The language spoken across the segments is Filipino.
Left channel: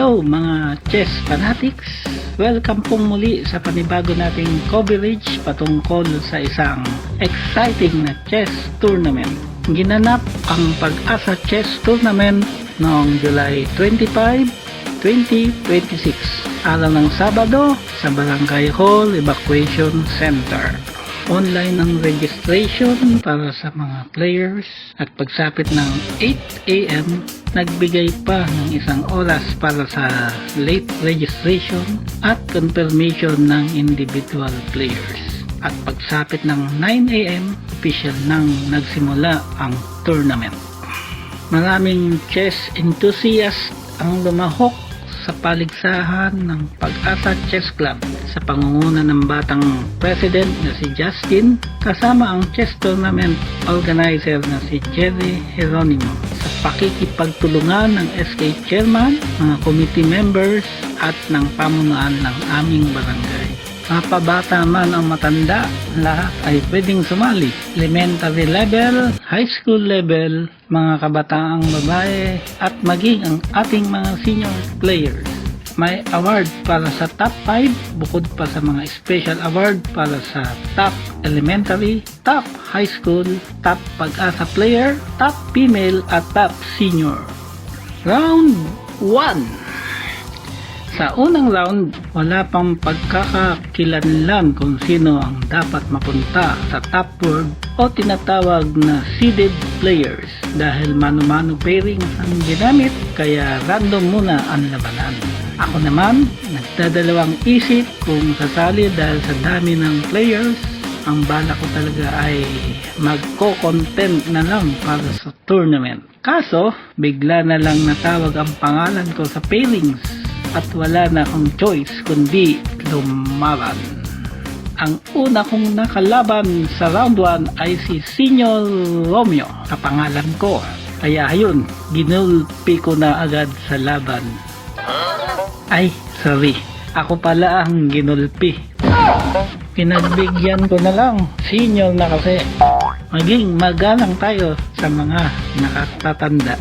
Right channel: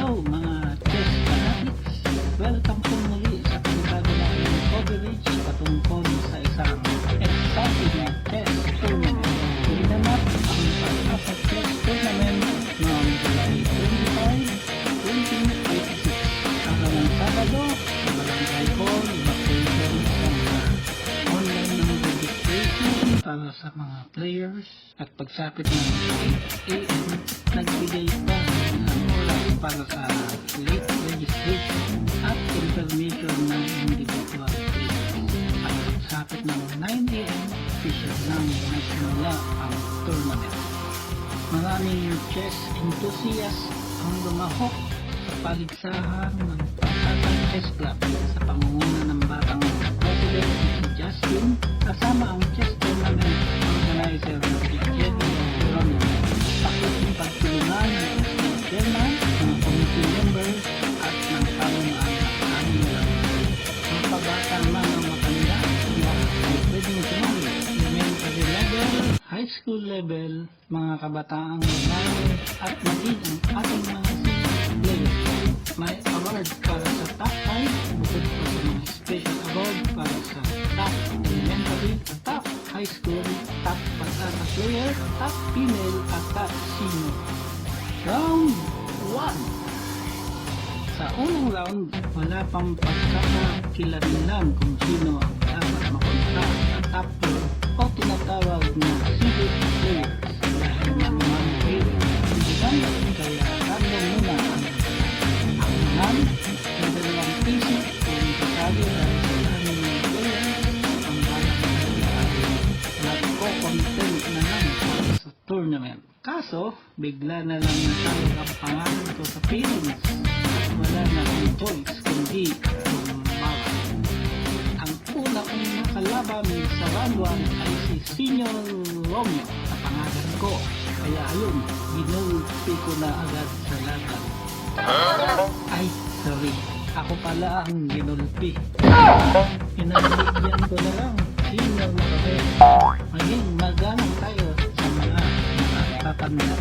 Hello mga chess fanatics! Welcome pong muli sa panibago nating coverage patungkol sa isang exciting na chess tournament. Ginanap ang Pag-asa Chess Tournament noong July 25, 2026, araw ng Sabado sa Barangay Hall Evacuation Center. Online ang registration para sa mga players at pagsapit ng 8 AM, nagbigay pa ng isang oras para sa late registration at confirmation ng individual players. At pagsapit ng 9 AM, official nang nagsimula ang tournament. Maraming chess enthusiasts ang lumahok sa paligsahan ng Pag-asa Chess Club sa pangunguna ng batang president na si Justin, kasama ang chess tournament organizer na si Jerry Geronimo, sa pakikipagtulungan ng SK chairman, mga committee members at ng pamunuan ng aming barangay. Mapabata man ang matanda, lahat ay pwedeng sumali. Elementary level, high school level, mga kabataang babae at maging ang ating mga senior players. May award para sa top 5 bukod pa sa mga special award para sa top elementary, top high school, top Pag-asa player, top female at top senior. Round 1. Sa unang round, wala pang pagkakakilanlan kung sino ang dapat mapunta sa top board o tinatawag na seeded players dahil mano-mano pairing ang ginamit, kaya random muna ang labanan. Ako naman, nagdadalawang isip kung sasali dahil sa dami ng players. Ang bala ko talaga ay magko-content na lang para sa tournament. Kaso, bigla na lang natawag ang pangalan ko sa pairings at wala na akong choice kundi lumaban. Ang una kong nakalaban sa round 1 ay si Senior Romeo sa pangalan ko. Kaya ayun, ginulpi ko na agad sa laban. Ay, sorry. Ako pala ang ginulpi. Pinagbigyan ko na lang. Senior na kasi. Maging magalang tayo sa mga nakatatanda.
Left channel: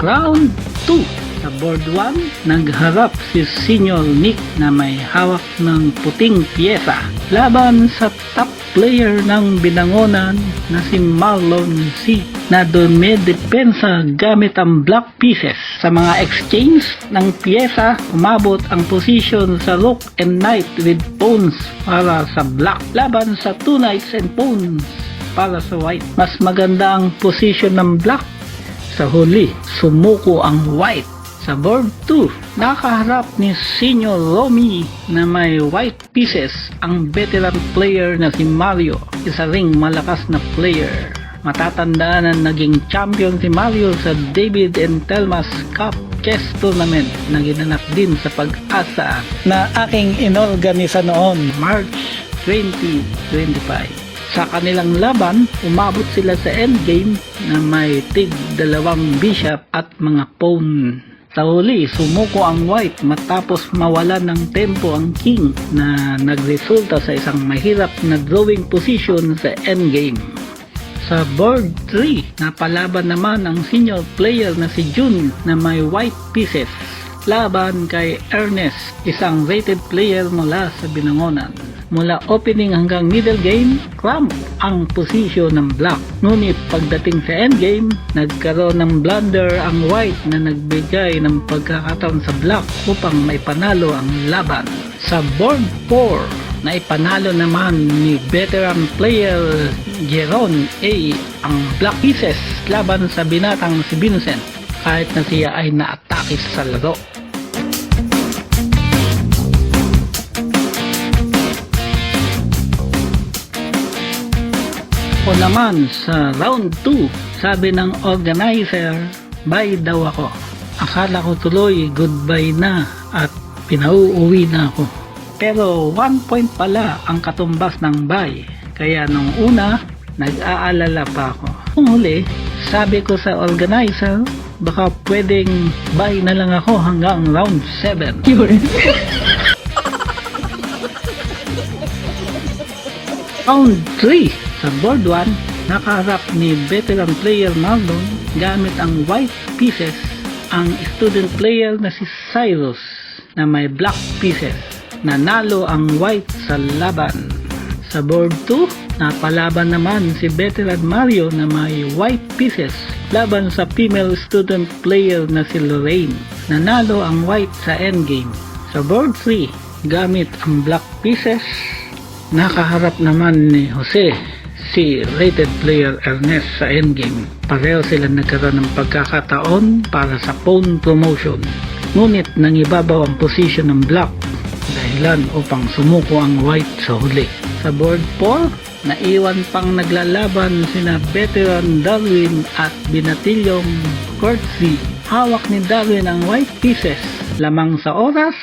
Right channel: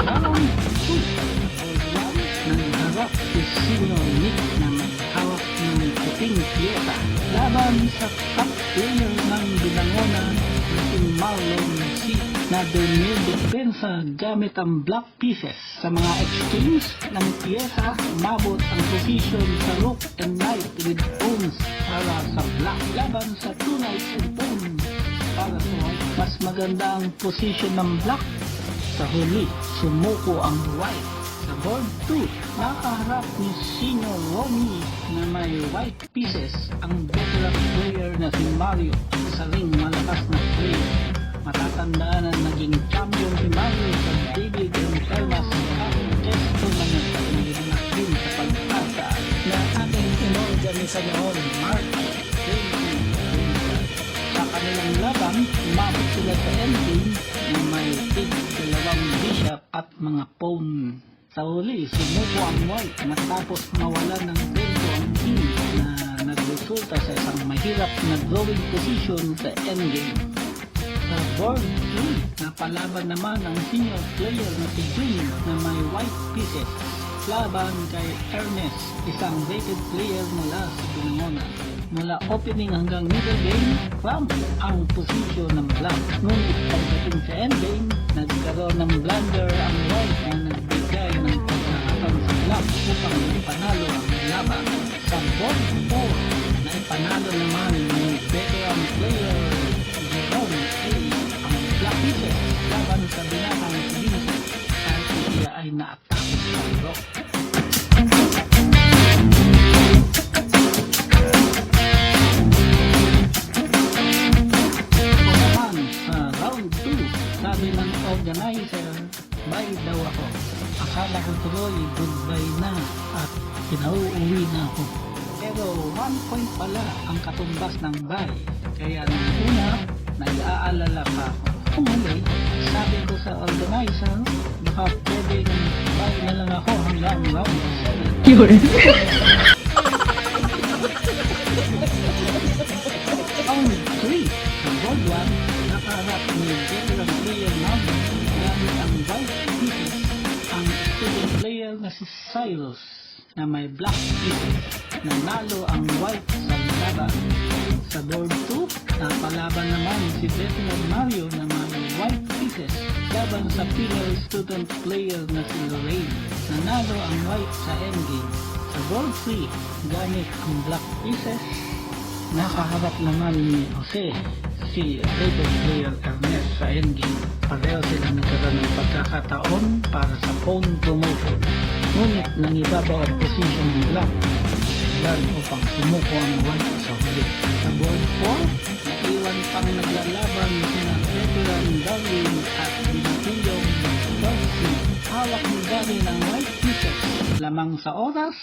Round 2. Board 1, nagharap si Senior Nick na may hawak ng puting piyesa laban sa top player ng binangonan na si Marlon C. na dumedepensa gamit ang black pieces. Sa mga exchange ng piyesa, umabot ang position sa rook and knight with pawns para sa black laban sa two knights and pawns para sa white. Mas maganda ang position ng black. Sa huli, sumuko ang white. Sa board 2, nakaharap ni Senior Romy na may white pieces ang veteran player na si Mario, isa ring malakas na player. Matatandaan na naging champion si Mario sa David and Telma's Cup Chess Tournament na ginanap din sa Pag-asa na aking inorganisa noon March 2025. Sa kanilang laban, umabot sila sa endgame na may tig 2 bishop at mga pawn. Sa huli, sumuko ang white matapos mawalan ng tempo ang king na nagresulta sa isang mahirap na drawing position sa endgame. Sa board 3, napalaban naman ang senior player na si Jun na may white pieces laban kay Ernest, isang rated player mula sa binangonan. Mula opening hanggang middle game, cramp ang posisyon ng black. Ngunit pagdating sa endgame, nagkaroon ng blunder ang white na nagbigay ng pagkakataon sa black upang may panalo ang laban. Sa board 4, na ipanalo naman ni veteran player Jeron A ang black pieces laban sa binatang si Vincent kahit na siya ay naatake sa laro. Naman sa round 2, sabi ng organizer, bye daw ako. Akala ko tuloy goodbye na at pinauuwi na ako. Pero 1 point pala ang katumbas ng bye. Kaya nung una, nag-aalala pa ako. Kung huli, sabi ko sa organizer, baka pwedeng bye na lang ako hanggang round 7. Round 3, sa board 1, nakaharap ni veteran player Marlon gamit ang white pieces ang student player na si Cyrus na may black pieces. Nanalo ang white sa laban. Sa board 2, napalaban naman si veteran Mario na may white pieces laban sa female student player na si Lorraine. Nanalo ang white sa endgame. Sa board 3, gamit ang black pieces, nakaharap naman ni Jose si rated player Ernest sa endgame. Pareho sila nagkaroon ng pagkakataon para sa phone promotion. Ngunit nangibabaw ang posisyon ng black dahilan upang sumuko ang white sa huli. Sa board 4, naiwan pang naglalaban sina veteran Darwin at binatilyong Courtesy. Hawak ni Darwin ang white pieces, lamang sa oras,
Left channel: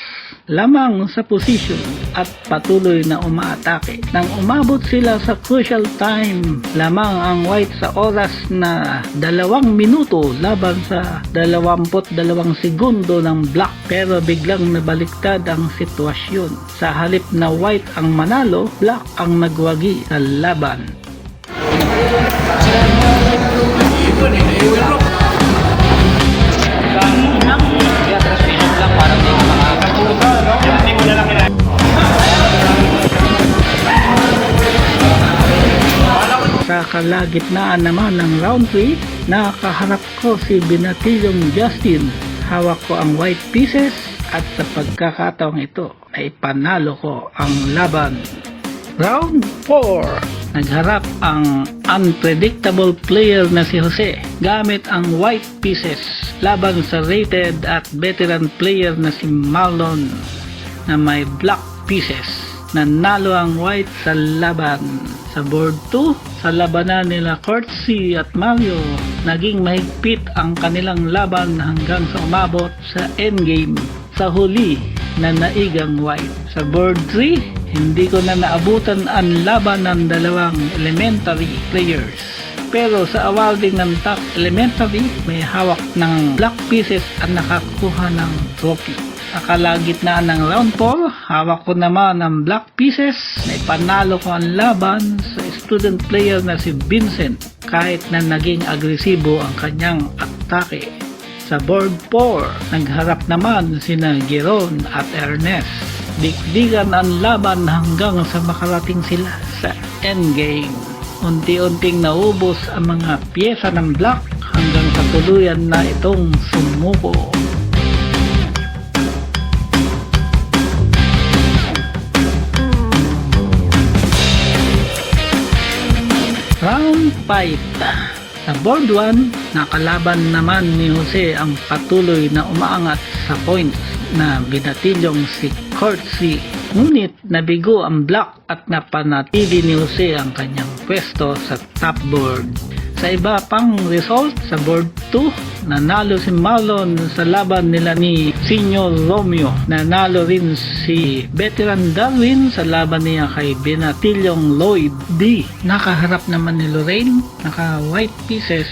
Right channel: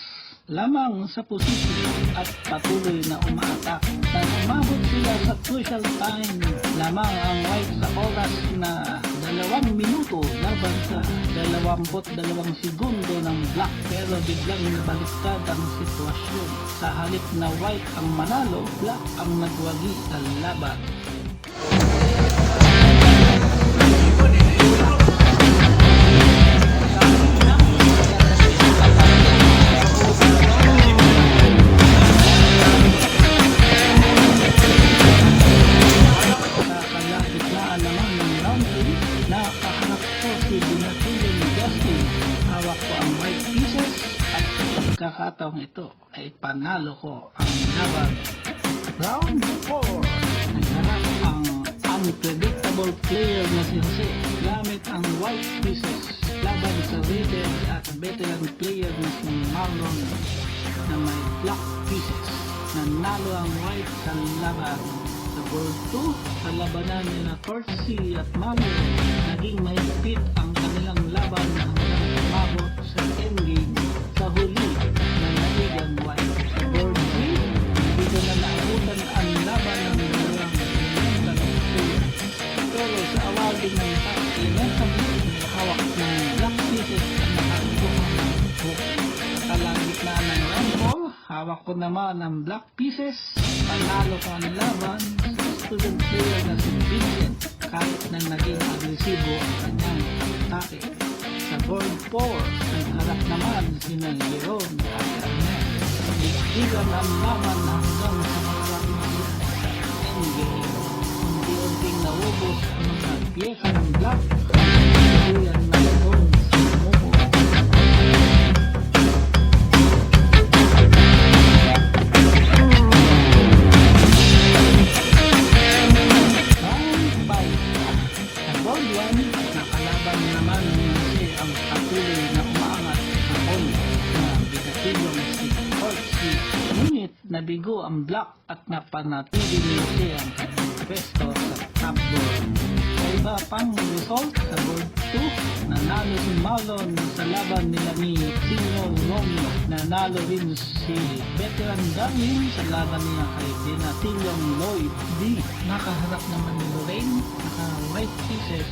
lamang sa posisyon at patuloy na umaatake. Nang umabot sila sa crucial time, lamang ang white sa oras na 2 minuto laban sa 22 segundo ng black, pero biglang nabaliktad ang sitwasyon. Sa halip na white ang manalo, black ang nagwagi sa laban. Kalagitnaan naman ng round 3, nakaharap ko si binatilyong Justin. Hawak ko ang white pieces at sa pagkakataong ito ay panalo ko ang laban. Round 4, nagharap ang unpredictable player na si Jose gamit ang white pieces laban sa rated at veteran player na si Marlon na may black pieces. Nanalo ang white sa laban. Sa board 2, sa labanan nila Courtesy at Mario, naging mahigpit ang kanilang laban hanggang sa umabot sa endgame. Sa huli, na naigang white. Sa board 3, hindi ko na naabutan ang laban ng dalawang elementary players. Pero sa awarding ng top elementary, may hawak ng black pieces at nakakuha ng trophy. Nakalagitnaan ng round 4, hawak ko naman ng black pieces. May panalo ko ang laban sa student player na si Vincent kahit na naging agresibo ang kanyang atake. Sa board 4, nagharap naman sina Jeron at Ernest. Dikdigan ang laban hanggang sa makarating sila sa endgame. Unti-unting naubos ang mga pyesa ng black hanggang sa tuluyan na itong sumuko. Round 5. Sa board 1, nakalaban naman ni Jose ang patuloy na umaangat sa points na binatilyong si Courtesy. Ngunit nabigo ang black at napanatili ni Jose ang kanyang pwesto sa top board. Sa iba pang result, sa board 2, nanalo si Marlon sa laban nila ni Senior Romeo. Nanalo rin si veteran Darwin sa laban niya kay binatilyong Lloyd D. Nakaharap naman ni Lorraine, naka white pieces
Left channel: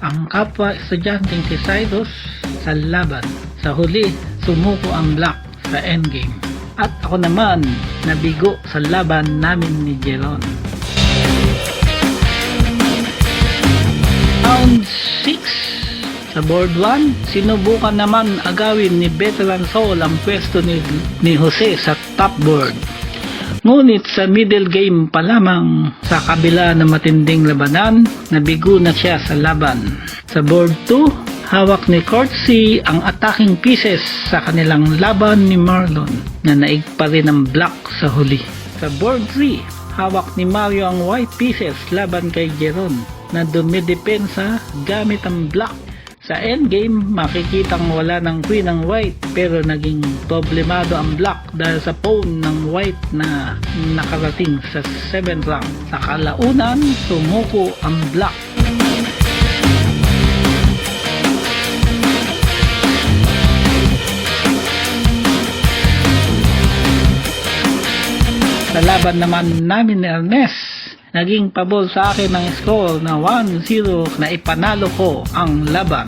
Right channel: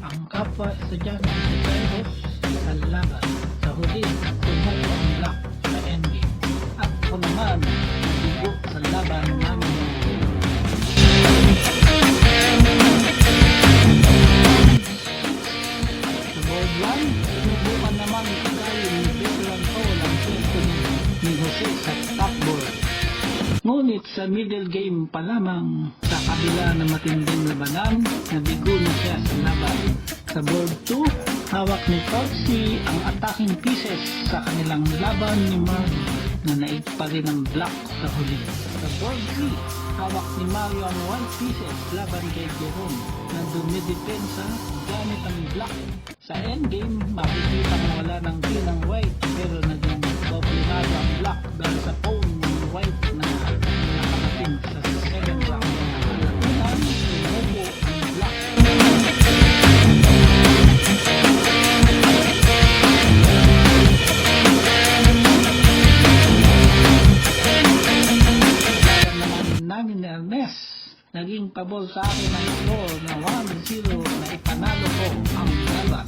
ang kapwa estudyanteng si Cyrus sa laban. Sa huli, sumuko ang black sa endgame. At ako naman, nabigo sa laban namin ni Jeron. Round 6. Sa board 1, sinubukan naman agawin ni veteran Saul ang pwesto ni Jose sa top board. Ngunit sa middle game pa lamang, sa kabila ng matinding labanan, nabigo na siya sa laban. Sa board 2, hawak ni Courtesy ang attacking pieces sa kanilang laban ni Marlon na naig pa rin ang black sa huli. Sa board 3, hawak ni Mario ang white pieces laban kay Jeron na dumidepensa gamit ang black. Sa endgame, makikitang wala ng queen ang white pero naging problemado ang black dahil sa pawn ng white na nakarating sa 7th rank. Sa kalaunan, sumuko ang black. Sa laban naman namin ni Ernest, naging pabor sa akin ang score na 1-0 na ipanalo ko ang laban.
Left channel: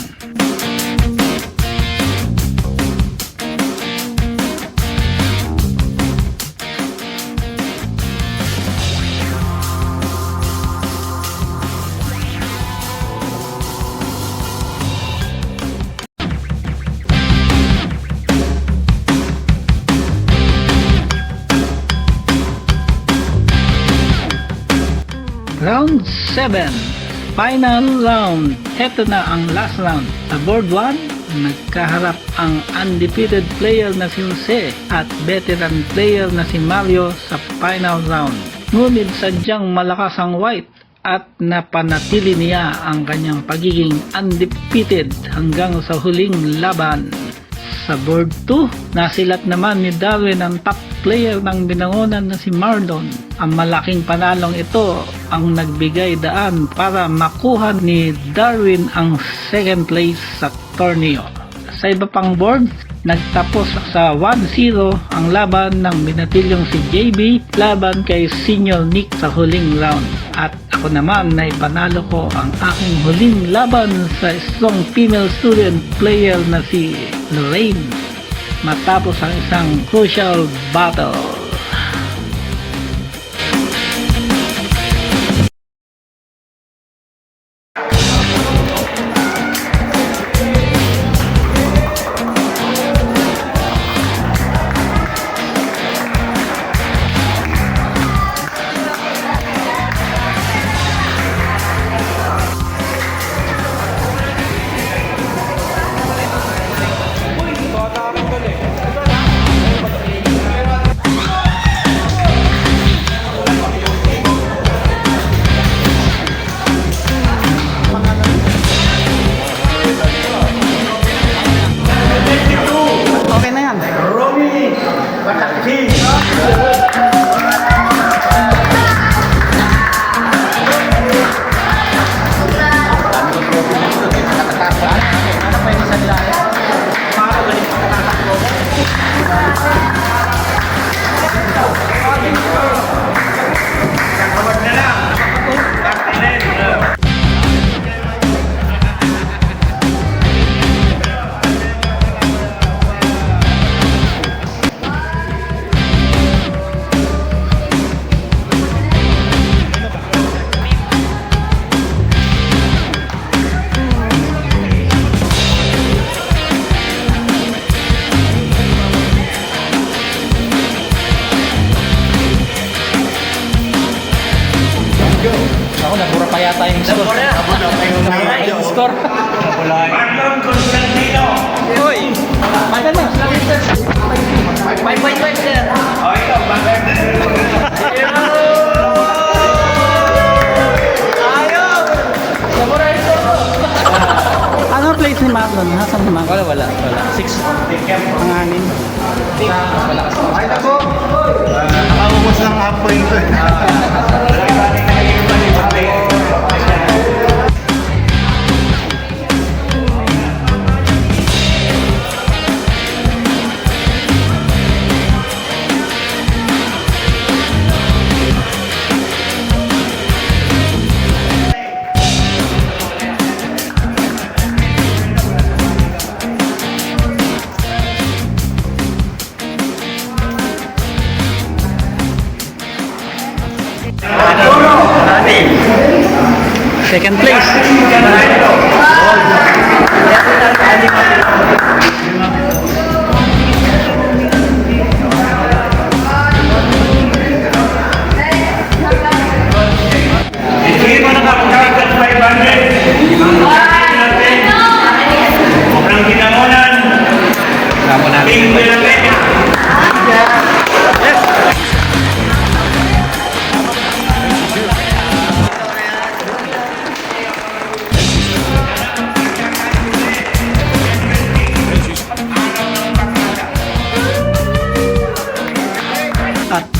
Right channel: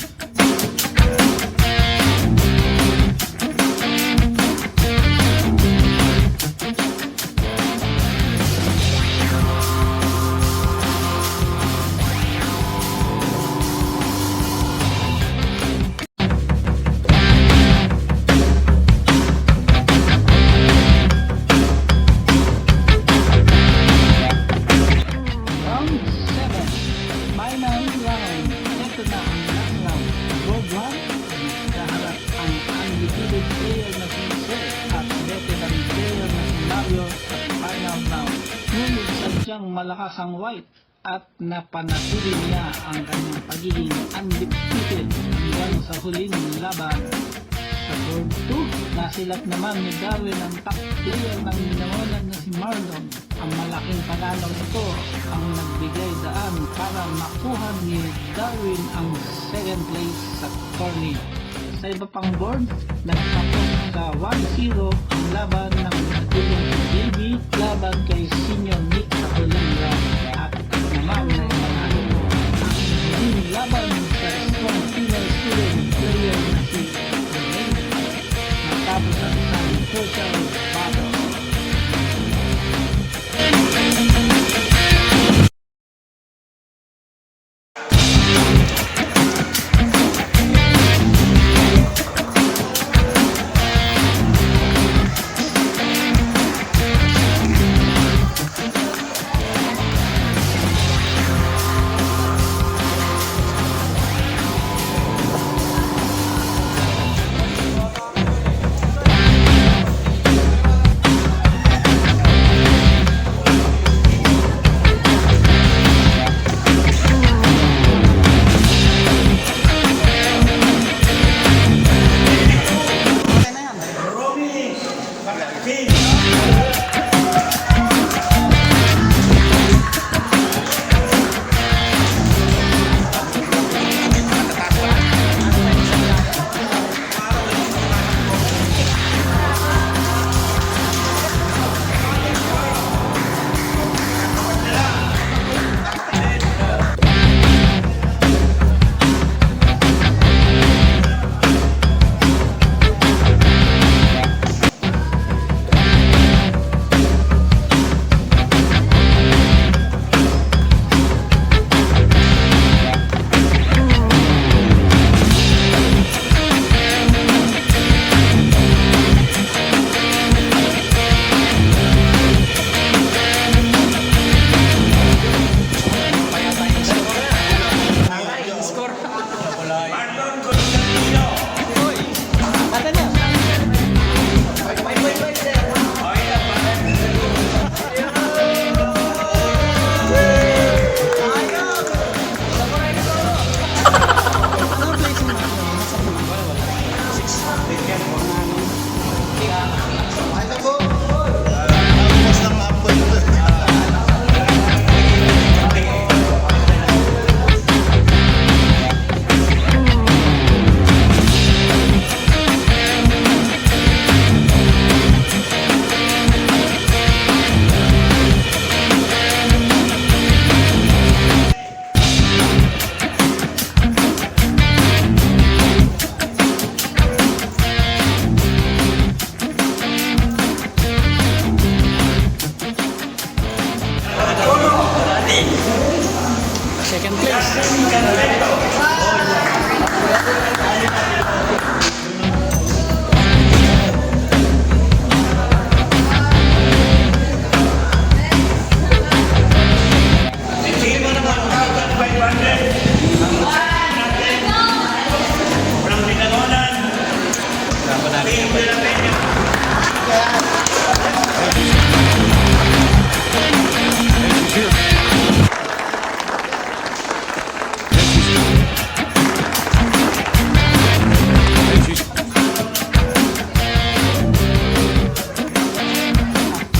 final round. Ito na ang last round. Sa board 1, nagkaharap ang undefeated player na si Jose at veteran player na si Mario sa final round. Ngunit sadyang malakas ang white at napanatili niya ang kanyang pagiging undefeated hanggang sa huling laban. Sa board 2, nasilat naman ni Darwin ang top player ng binangonan na si Marlon. Ang malaking panalong ito ang nagbigay daan para makuha ni Darwin ang second place sa torneo. Sa iba pang board, nagtapos sa 1-0 ang laban ng binatilyong si JB laban kay Senior Nick sa huling round. At ako naman na ipanalo ko ang aking huling laban sa strong female student player na si Lorraine matapos ang isang crucial battle. Score. Marlon Constantino. Uy. Maganda. 5.5 sir. Okay, Anong place ni Marlon? Nasaan si Marlon? Wala. 6. Panganin. Wala kasi. Ay, ako. Nakaubos ng halfway ito. Second place.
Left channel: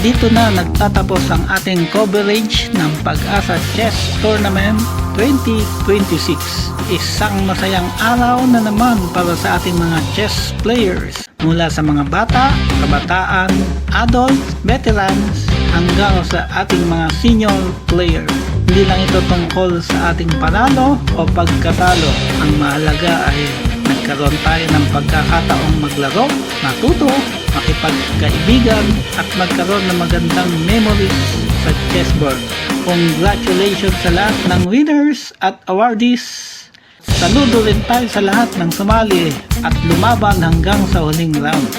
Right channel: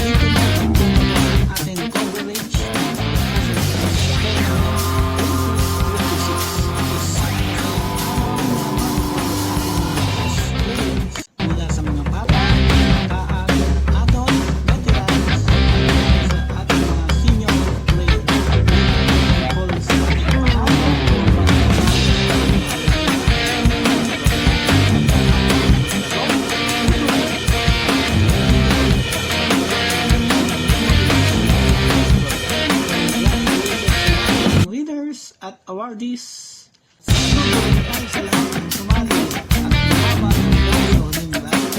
Dito na nagtatapos ang ating coverage ng Pag-asa Chess Tournament 2026. Isang masayang araw na naman para sa ating mga chess players. Mula sa mga bata, kabataan, adult, veterans, hanggang sa ating mga senior players. Hindi lang ito tungkol sa ating panalo o pagkatalo. Ang mahalaga ay nagkaroon tayo ng pagkakataong maglaro, matuto, makipagkaibigan at magkaroon ng magandang memories sa chessboard. Congratulations sa lahat ng winners at awardees. Saludo rin tayo sa lahat ng sumali at lumaban hanggang sa huling round.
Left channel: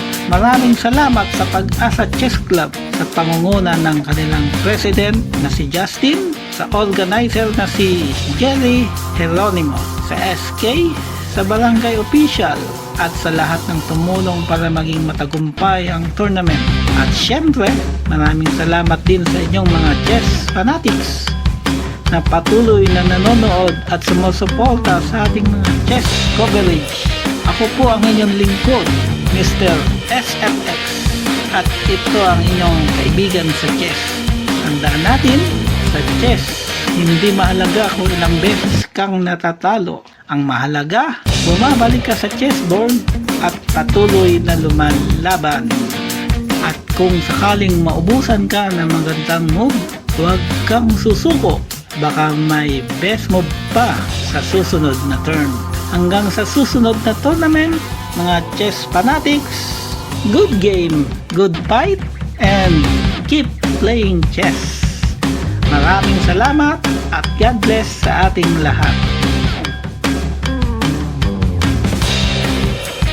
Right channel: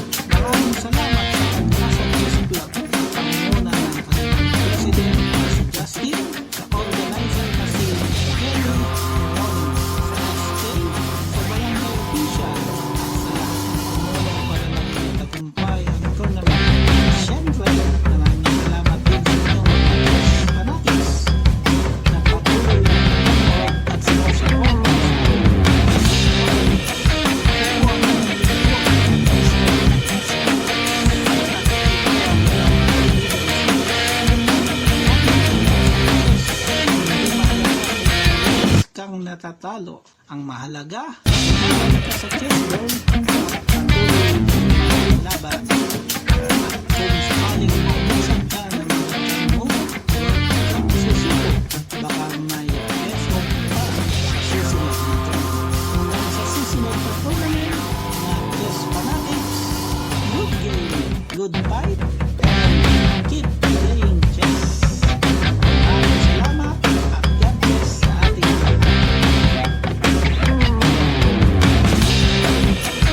Maraming salamat sa Pag-asa Chess Club sa pangunguna ng kanilang president na si Justin, sa organizer na si Jerry Geronimo, sa SK, sa barangay official, at sa lahat ng tumulong para maging matagumpay ang tournament. At syempre, maraming salamat din sa inyong mga chess fanatics na patuloy na nanonood at sumusuporta sa ating chess coverage. Ako po ang inyong lingkod, Mr. SF, at ito ang inyong kaibigan sa chess. Tandaan natin, sa chess, hindi mahalaga kung ilang beses kang natatalo. Ang mahalaga, bumabalik ka sa chessboard at patuloy na lumalaban. At kung sakaling maubusan ka ng magandang move, huwag kang susuko. Baka may best move pa sa susunod na turn. Hanggang sa susunod na tournament, mga chess fanatics, good game, good fight, and keep playing chess.